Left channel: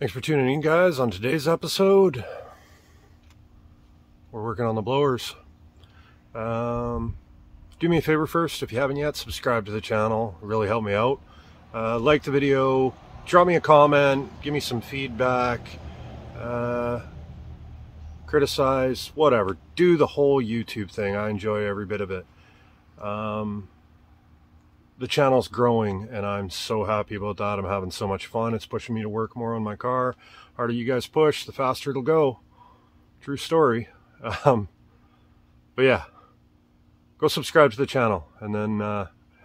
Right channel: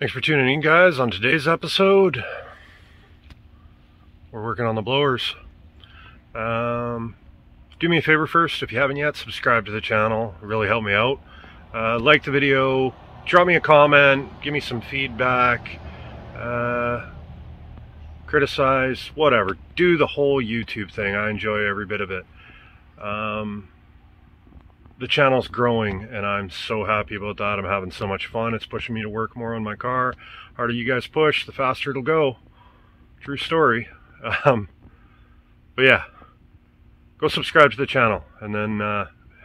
Thanks for tuning in, guys. On today's episode, we're working on the blowers. Do me a favor first, if you haven't yet, subscribe to the channel. It really helped me out. Like the video, drop me a comment, give me some feedback, criticize, whatever. Do the whole YouTube thing. I enjoy every bit of it. The channel's growing and I'm so happy about that. I'm having so much fun. It's pushing me to work more on my car. The harder you guys push, the faster it'll go. True story. But yeah, go subscribe to the channel and then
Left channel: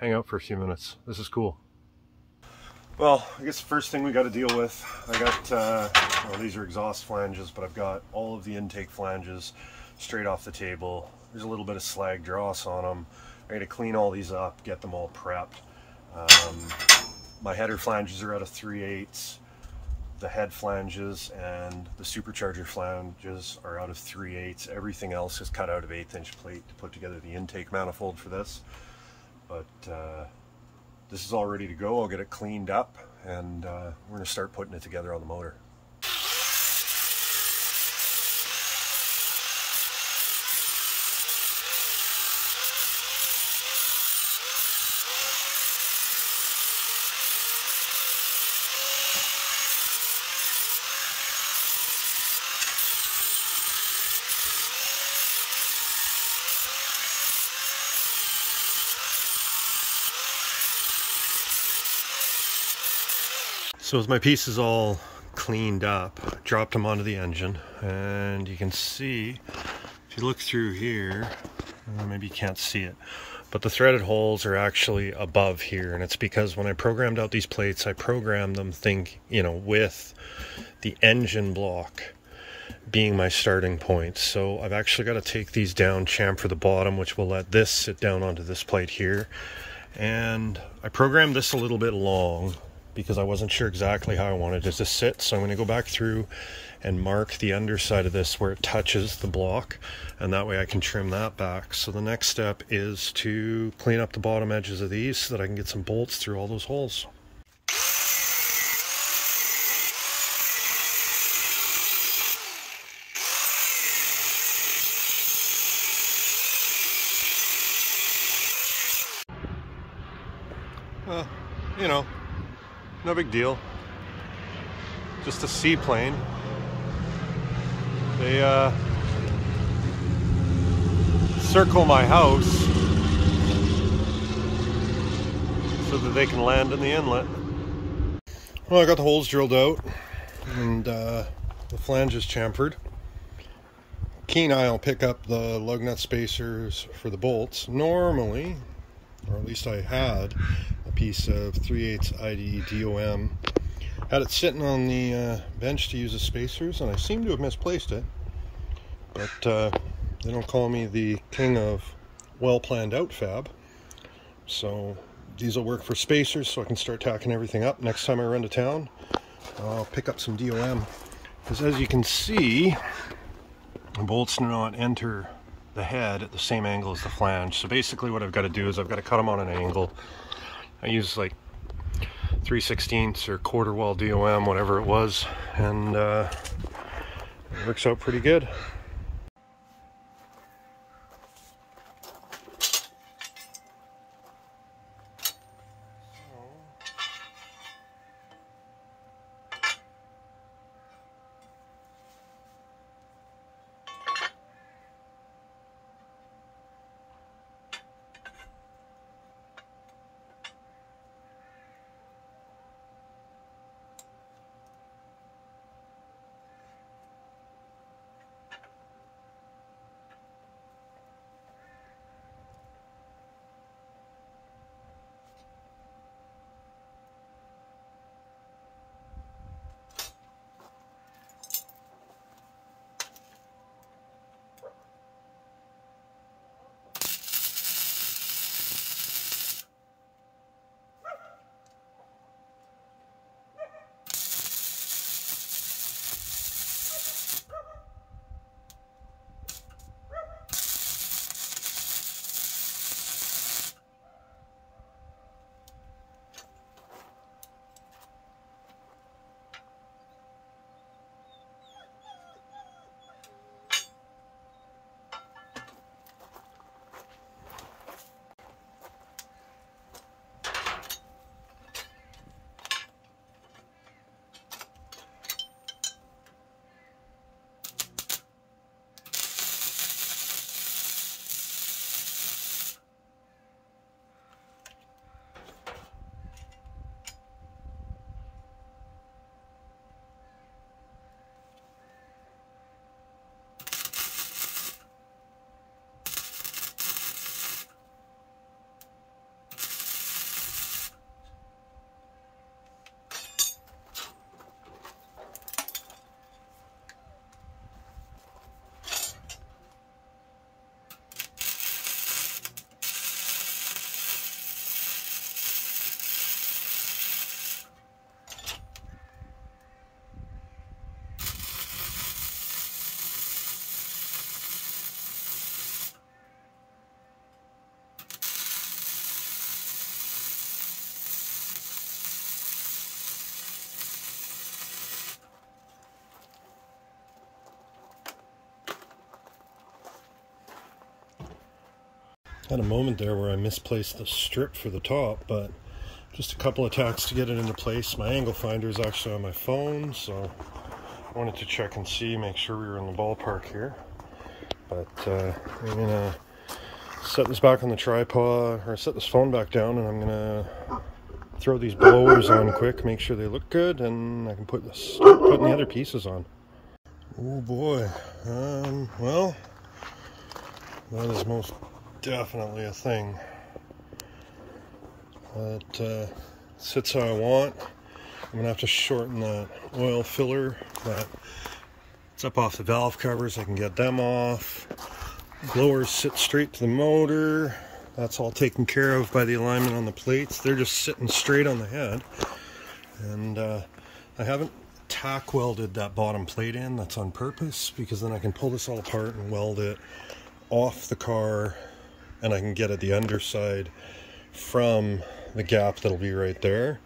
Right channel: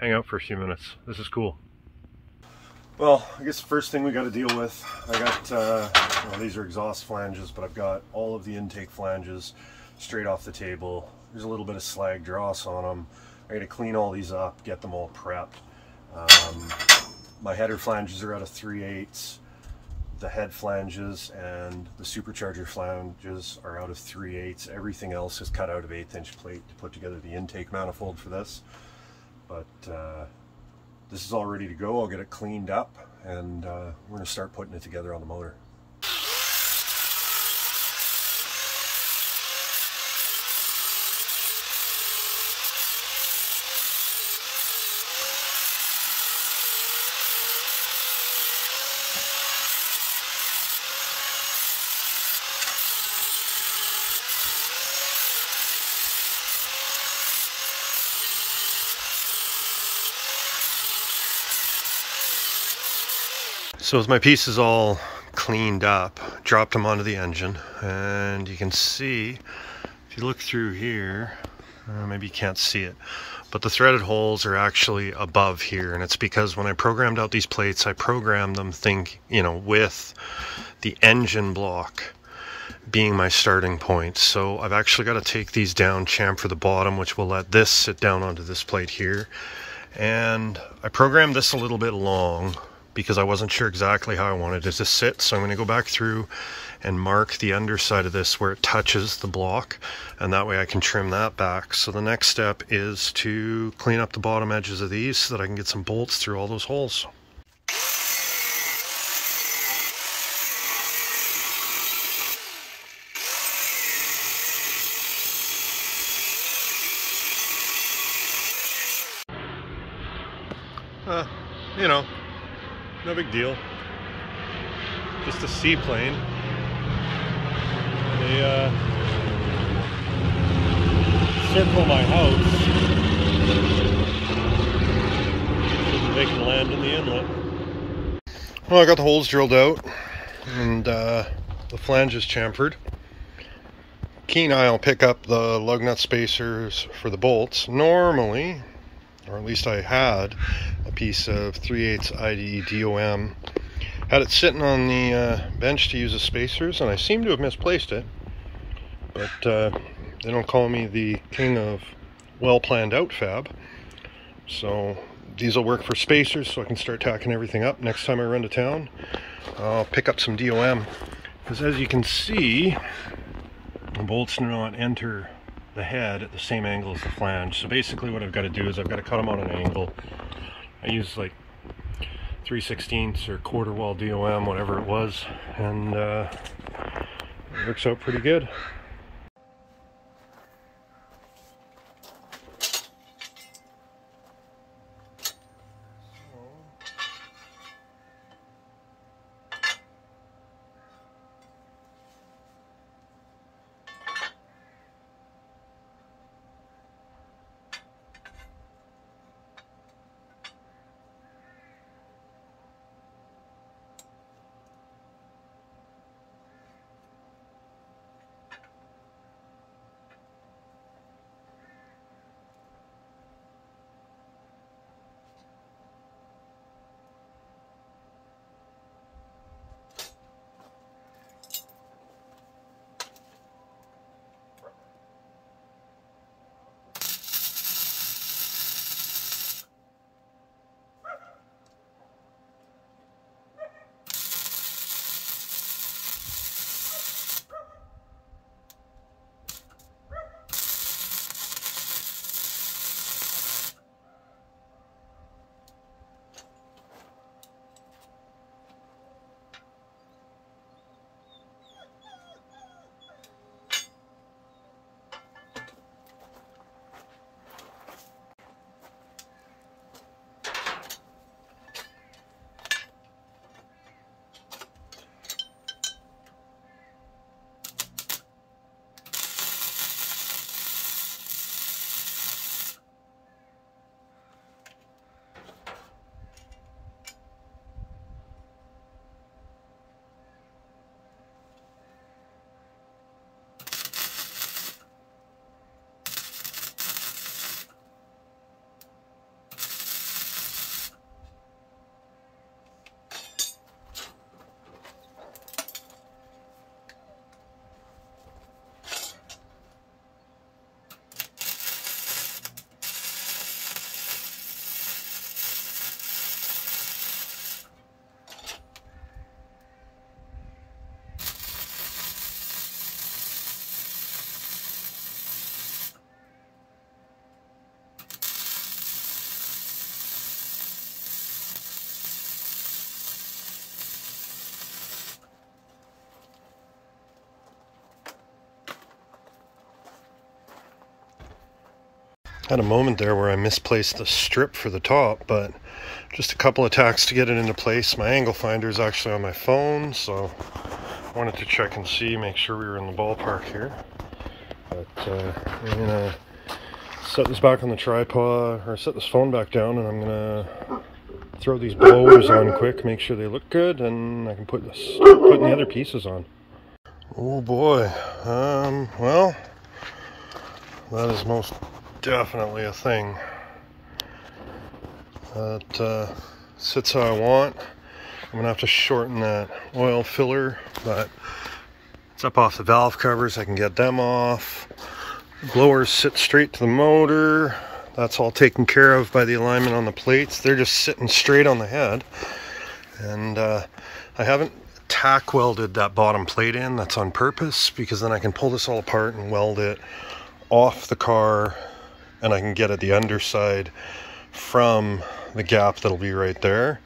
hang out for a few minutes. This is cool. Well, I guess the first thing we got to deal with, I got, well, these are exhaust flanges, but I've got all of the intake flanges straight off the table. There's a little bit of slag dross on them. I got to clean all these up, get them all prepped. My header flanges are out of 3/8. The head flanges and the supercharger flanges are out of 3/8. Everything else is cut out of 1/8" plate to put together the intake manifold for this. But this is all ready to go. I'll get it cleaned up and we're going to start putting it together on the motor. So with my pieces all cleaned up, dropped them onto the engine, and you can see, if you look through here, maybe you can't see it, but the threaded holes are actually above here, and it's because when I programmed out these plates, I programmed them with the engine block being my starting point. So I've actually got to take these down, chamfer the bottom, which will let this sit down onto this plate here. And I programmed this a little bit long because I wasn't sure exactly how I wanted it to sit. So I'm going to go back through and mark the underside of this where it touches the block, and that way I can trim that back. So the next step is to clean up the bottom edges of these so that I can get some bolts through all those holes. You know, no big deal. Just a seaplane. They circle my house so that they can land in the inlet. Well, I got the holes drilled out and the flanges chamfered. Keen eye will pick up the lug nut spacers for the bolts. Normally, or at least I had, a piece of 3/8 ID DOM. Had it sitting on the bench to use as spacers, and I seem to have misplaced it. But they don't call me the king of well-planned out fab. So these will work for spacers so I can start tacking everything up. Next time I run to town, I'll pick up some DOM. Because as you can see, the bolts do not enter the head at the same angle as the flange. So basically what I've got to do is I've got to cut them on an angle. I use like 3/16 or quarter wall DOM, whatever it was, and it works out pretty good. Had a moment there where I misplaced the strip for the top, but just a couple of tacks to get it into place. My angle finder is actually on my phone, so I wanted to check and see, make sure we were in the ballpark here. But I'm gonna set this back on the tripod, or set this phone back down, and I'm gonna throw these blowers on quick, make sure they look good, and I can start putting the other pieces on. Oh boy, well, that is most definitely a thing. That sits how I want. I'm gonna have to shorten that oil filler, but it's up off the valve covers. I can get them off. Blowers sit straight to the motor. That's all taken care of by the alignment on the plates. They're just sitting straight on the head. And I haven't tack welded that bottom plate in. That's on purpose, because then I can pull this all apart and weld it off the car, and I can get at the underside from the gap that'll be right there.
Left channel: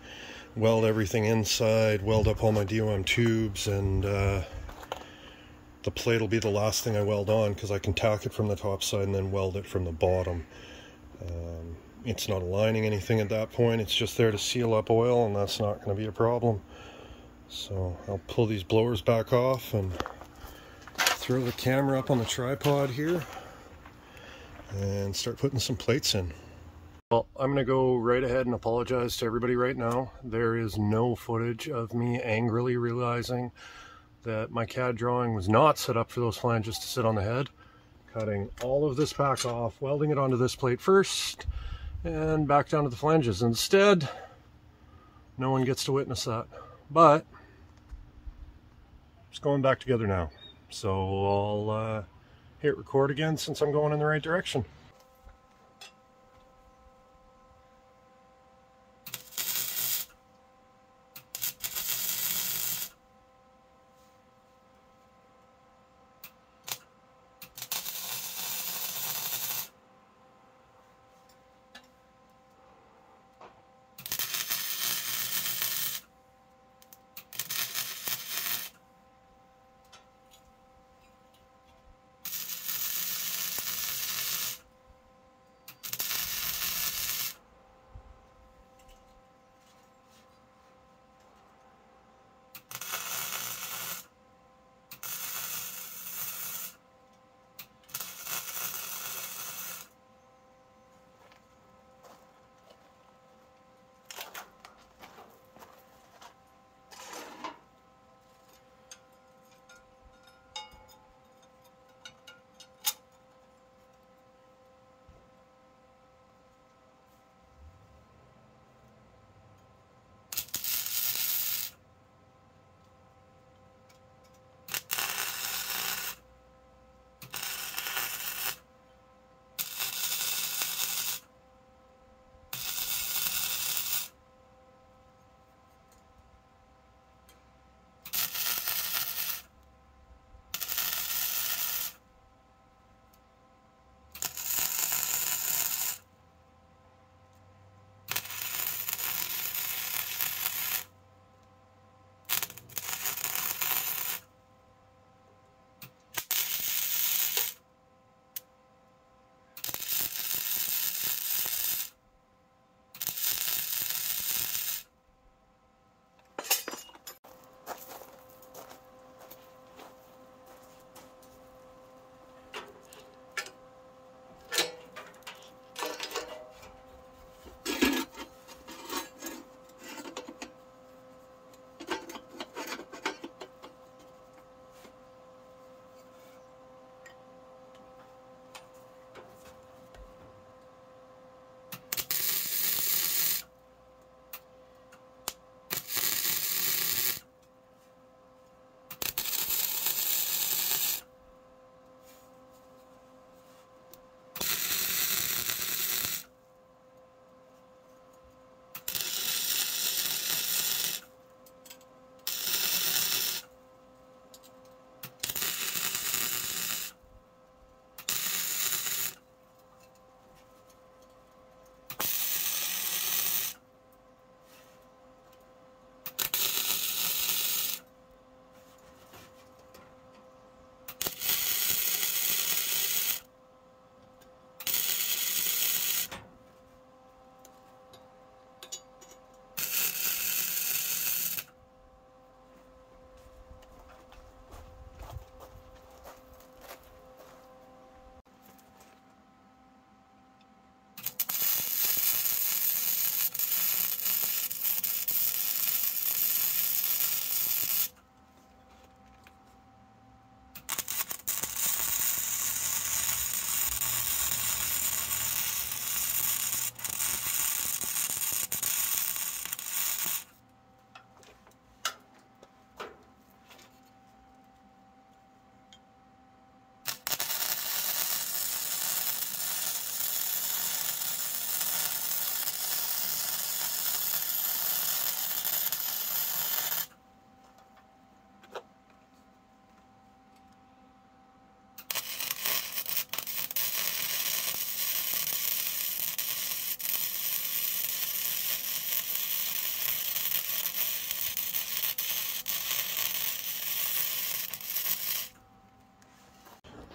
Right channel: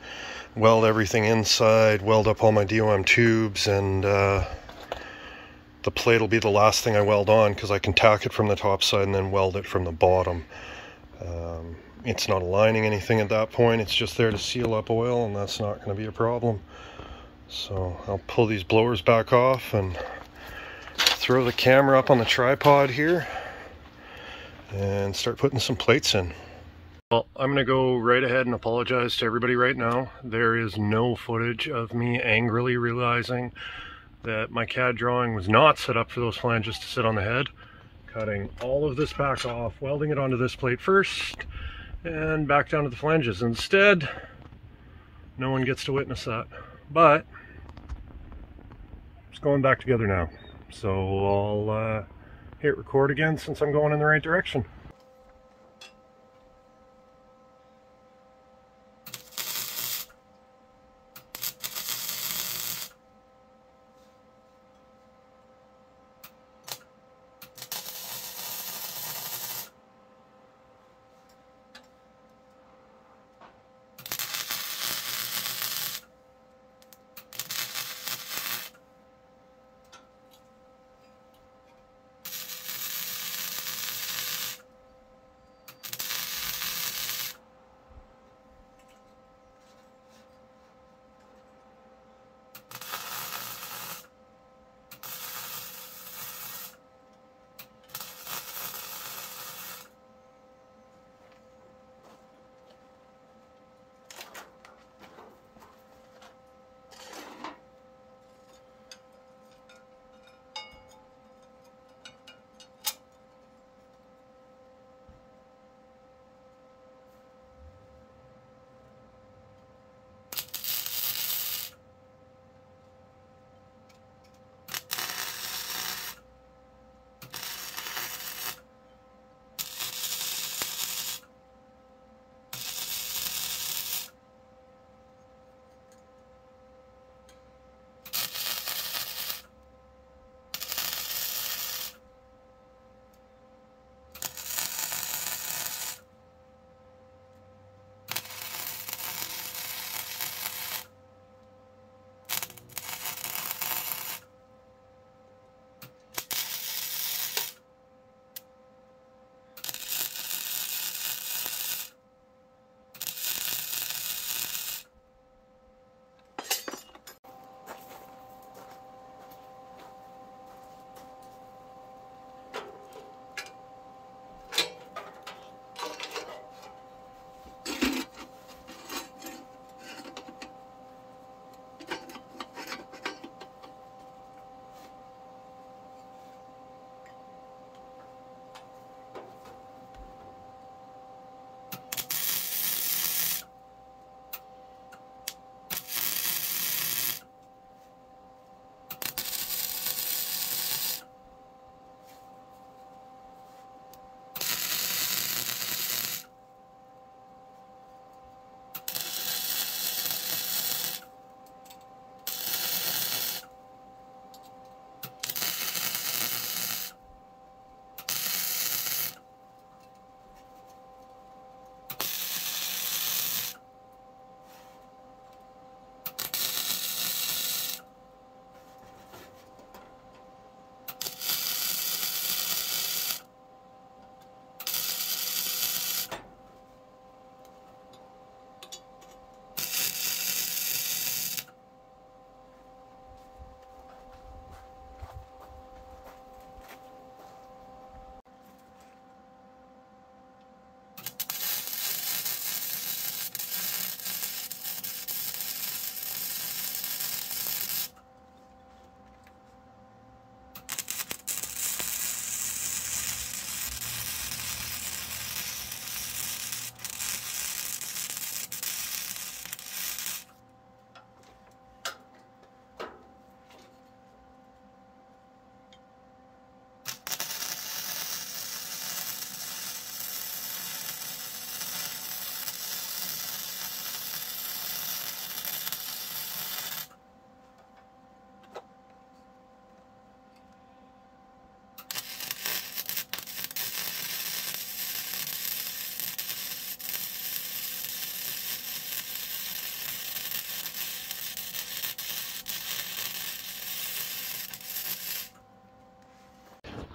Weld everything inside, weld up all my DOM tubes, and the plate will be the last thing I weld on, because I can tack it from the top side and then weld it from the bottom. It's not aligning anything at that point, it's just there to seal up oil, and that's not going to be a problem. So I'll pull these blowers back off and throw the camera up on the tripod here and start putting some plates in. Well, I'm going to go right ahead and apologize to everybody right now. There is no footage of me angrily realizing that my CAD drawing was not set up for those flanges to sit on the head. Cutting all of this back off, welding it onto this plate first, and back down to the flanges. Instead, no one gets to witness that. But it's going back together now. So I'll hit record again since I'm going in the right direction.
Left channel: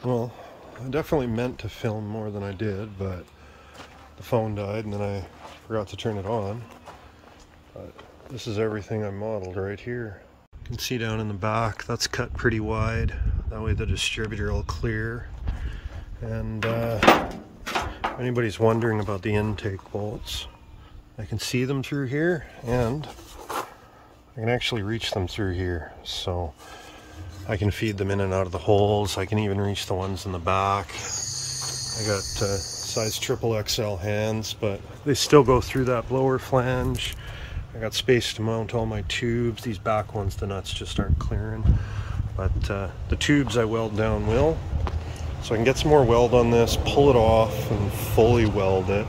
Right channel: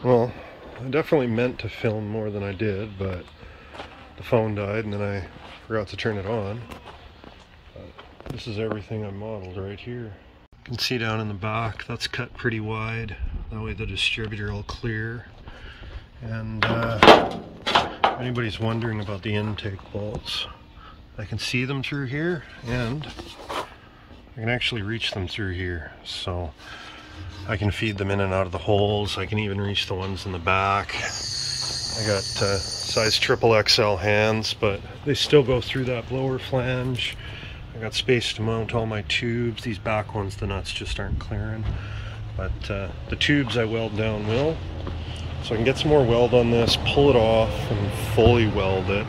Well, I definitely meant to film more than I did, but the phone died and then I forgot to turn it on. But this is everything I modeled right here. You can see down in the back, that's cut pretty wide. That way the distributor will clear. And if anybody's wondering about the intake bolts, I can see them through here and I can actually reach them through here. So I can feed them in and out of the holes. I can even reach the ones in the back. I got size XXL hands, but they still go through that blower flange. I got space to mount all my tubes. These back ones, the nuts just aren't clearing. But the tubes I weld down will. So I can get some more weld on this, pull it off, and fully weld it.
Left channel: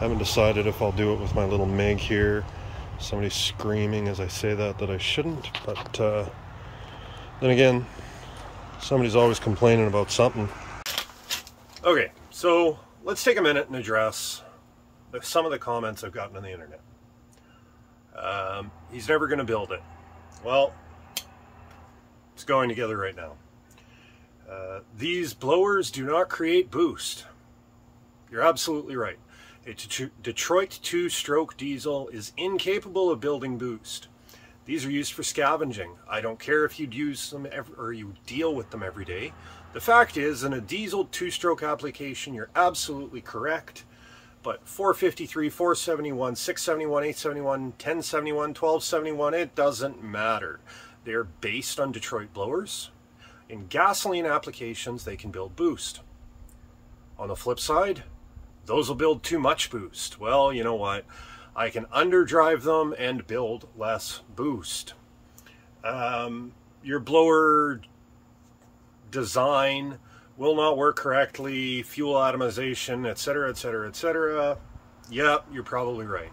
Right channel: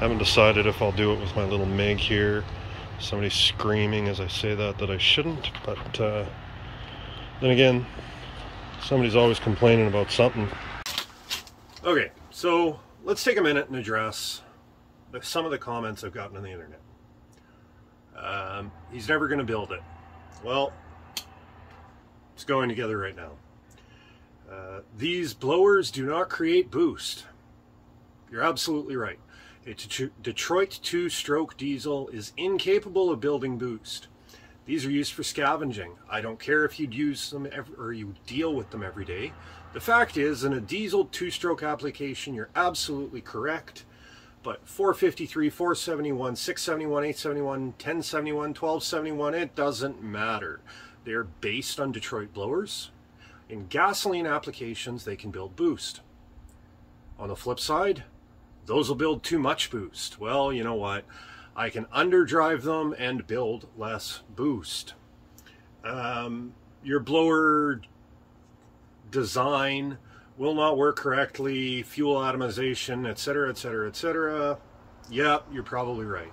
Haven't decided if I'll do it with my little MIG here. Somebody's screaming as I say that I shouldn't, but then again, somebody's always complaining about something. Okay, so let's take a minute and address some of the comments I've gotten on the internet. He's never going to build it. Well, it's going together right now. These blowers do not create boost. You're absolutely right. A Detroit 2-stroke diesel is incapable of building boost. These are used for scavenging. I don't care if you'd use them or you deal with them every day. The fact is, in a diesel 2-stroke application, you're absolutely correct. But 453, 471, 671, 871, 1071, 1271, it doesn't matter. They're based on Detroit blowers. In gasoline applications, they can build boost. On the flip side, those will build too much boost. Well, you know what? I can underdrive them and build less boost. Your blower design will not work correctly, fuel atomization, etc., etc., etc. Yeah, you're probably right.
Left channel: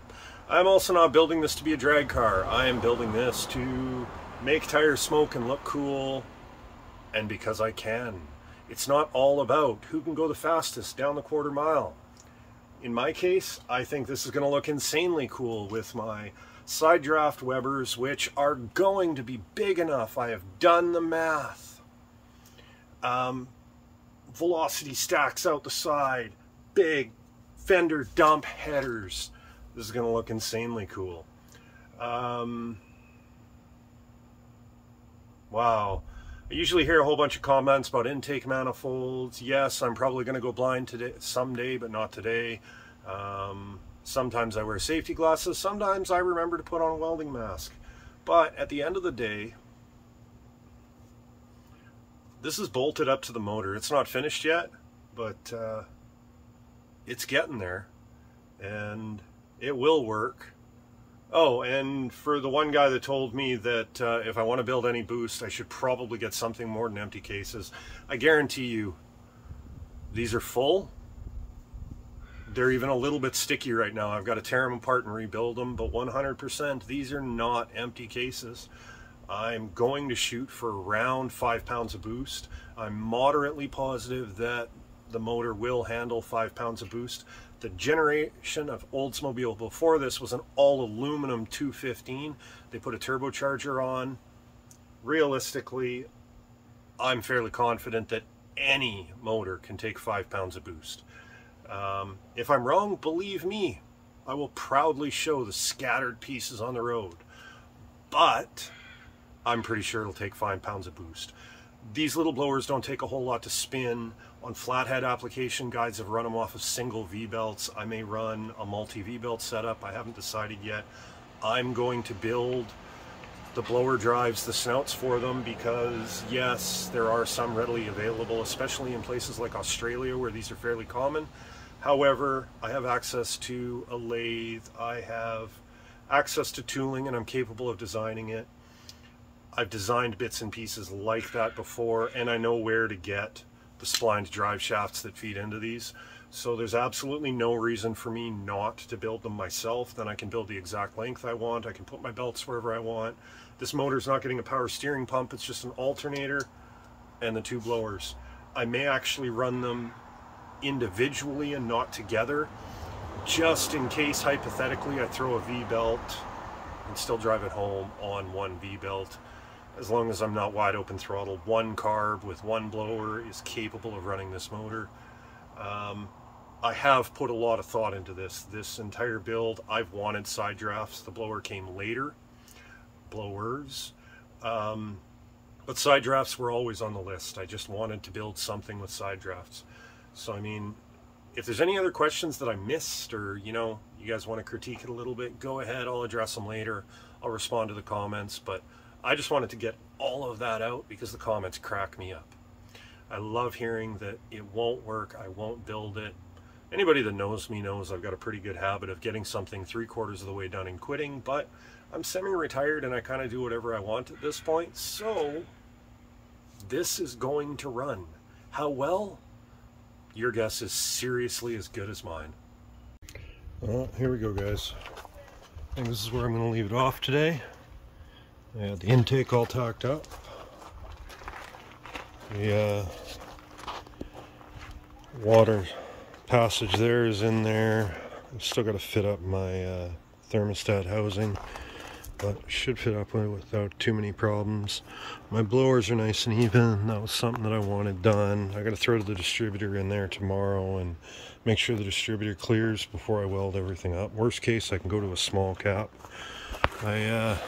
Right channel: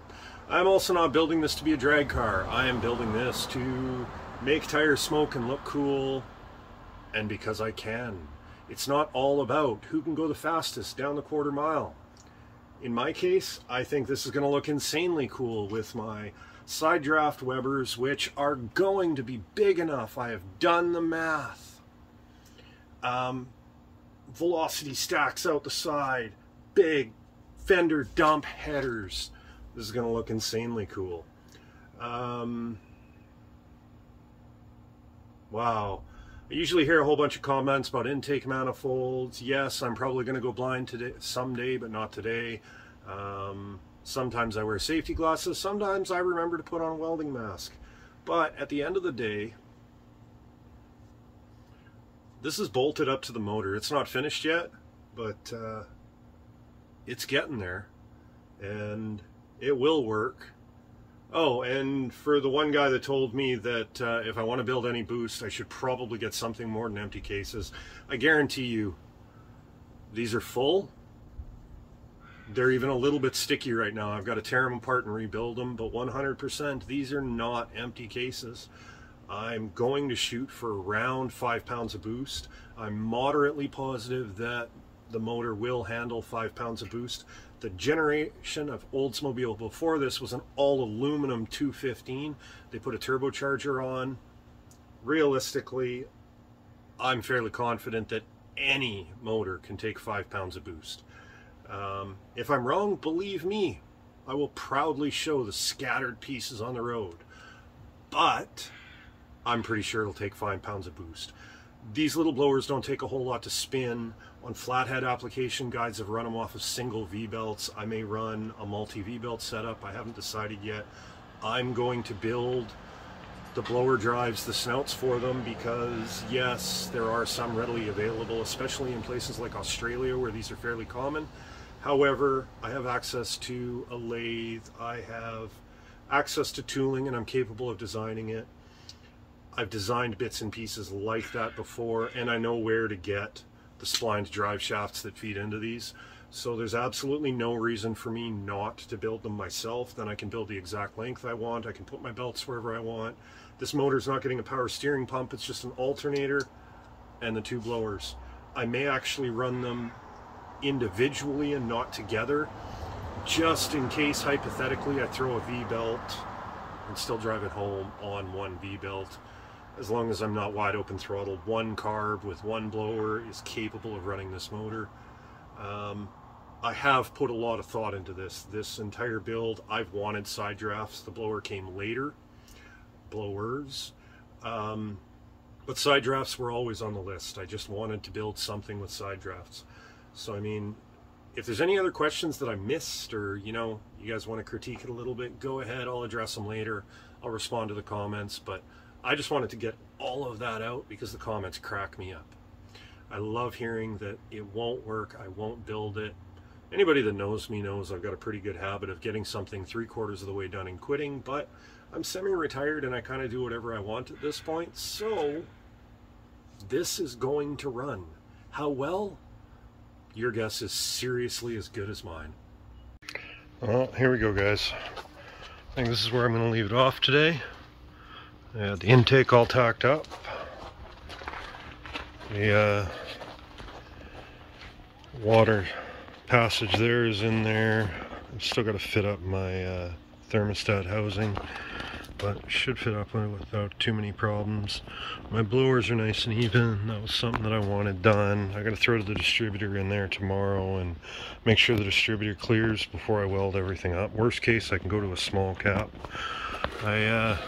I'm also not building this to be a drag car. I am building this to make tires smoke and look cool, and because I can. It's not all about who can go the fastest down the quarter mile. In my case, I think this is going to look insanely cool with my side draft Webers, which are going to be big enough. I have done the math. Velocity stacks out the side, big fender dump headers. This is going to look insanely cool. Wow. I usually hear a whole bunch of comments about intake manifolds. Yes, I'm probably going to go blind today, someday, but not today. Sometimes I wear safety glasses. Sometimes I remember to put on a welding mask. But at the end of the day, this is bolted up to the motor. It's not finished yet, but it's getting there, and it will work. Oh, and for the one guy that told me that if I want to build any boost, I should probably get something more than empty cases, I guarantee you, these are full. They're even a little bit sticky right now. I've got to tear them apart and rebuild them, but 100%, these are not empty cases. I'm going to shoot for around 5 pounds of boost. I'm moderately positive that the motor will handle 5 pounds of boost. The generation of Oldsmobile before this was an all aluminum 215. They put a turbocharger on. Realistically, I'm fairly confident that any motor can take 5 pounds of boost. If I'm wrong, believe me, I will proudly show the scattered pieces on the road. But I'm pretty sure it'll take 5 pounds of boost. These little blowers don't take a whole lot to spin. On flathead application, guides have run them off of single V-belts. I may run a multi V-belt setup. I haven't decided yet. I'm going to build the blower drives, the snouts for them, because yes, there are some readily available, especially in places like Australia where these are fairly common. However, I have access to a lathe, I have access to tooling, and I'm capable of designing it. I've designed bits and pieces like that before, and I know where to get the splined drive shafts that feed into these. So there's absolutely no reason for me not to build them myself. Then I can build the exact length I want. I can put my belts wherever I want. This motor's not getting a power steering pump. It's just an alternator and the two blowers. I may actually run them individually and not together, just in case hypothetically I throw a V-belt and still drive it home on one V-belt. as long as I'm not wide open throttle. One carb with one blower is capable of running this motor. I have put a lot of thought into this entire build. I've wanted side drafts. The blower came later, blowers, but side drafts were always on the list. I just wanted to build something with side drafts. So I mean, if there's any other questions that I missed, or you know, you guys want to critique it a little bit, go ahead, I'll address them later. I'll respond to the comments, but I just wanted to get all of that out because the comments crack me up. I love hearing that it won't work, I won't build it. Anybody that knows me knows I've got a pretty good habit of getting something 3/4 of the way done and quitting, but I'm semi-retired and I kind of do whatever I want at this point, so this is going to run. How well? Your guess is seriously as good as mine. Well, here we go, guys. I think this is where I'm going to leave it off today. I had the intake all tacked up. The water passage there is in there. I've still got to fit up my thermostat housing, but should fit up without too many problems. My blowers are nice and even. That was something that I wanted done. I got to throw the distributor in there tomorrow and make sure the distributor clears before I weld everything up. Worst case, I can go to a small cap. I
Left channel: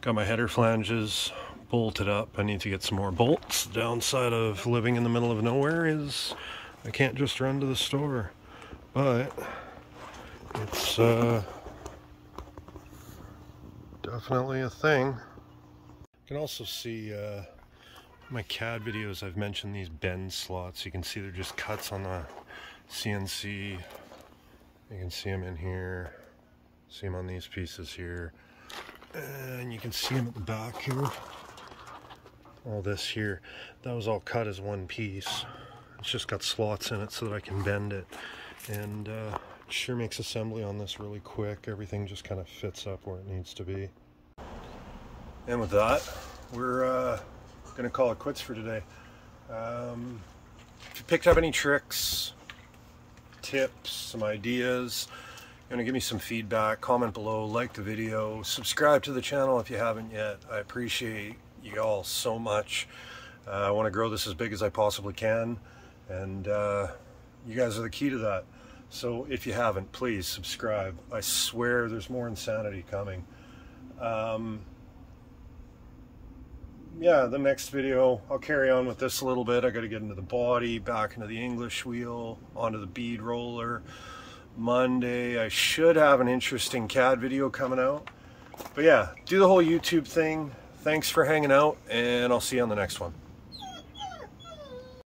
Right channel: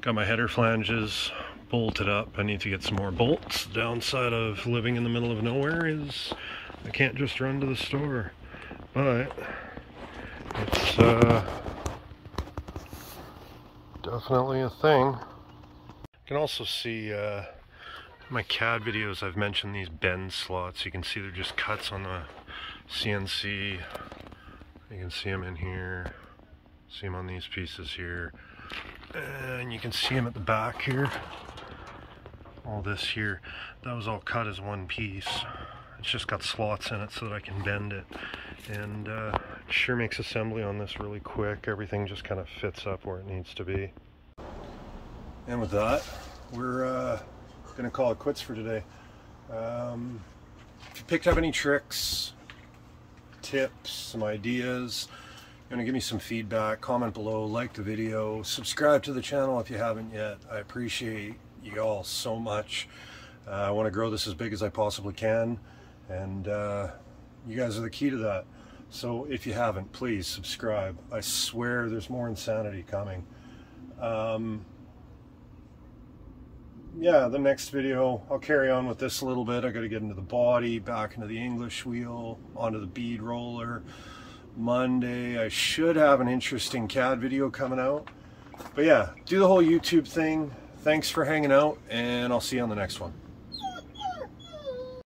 got my header flanges bolted up. I need to get some more bolts. The downside of living in the middle of nowhere is I can't just run to the store, but it's definitely a thing. You can also see my CAD videos, I've mentioned these bend slots. You can see they're just cuts on the CNC. You can see them in here, see them on these pieces here, and you can see them at the back here. All this here, that was all cut as one piece. It's just got slots in it so that I can bend it, and it sure makes assembly on this really quick. Everything just kind of fits up where it needs to be. And with that, we're gonna call it quits for today. If you picked up any tricks, tips, some ideas, you want to give me some feedback, comment below, like the video, subscribe to the channel if you haven't yet. I appreciate you all so much. I want to grow this as big as I possibly can, and you guys are the key to that. So if you haven't, please subscribe. I swear there's more insanity coming. Yeah, the next video, I'll carry on with this a little bit. I got to get into the body, back into the English wheel, onto the bead roller. Monday, I should have an interesting CAD video coming out. But yeah, do the whole YouTube thing. Thanks for hanging out, and I'll see you on the next one.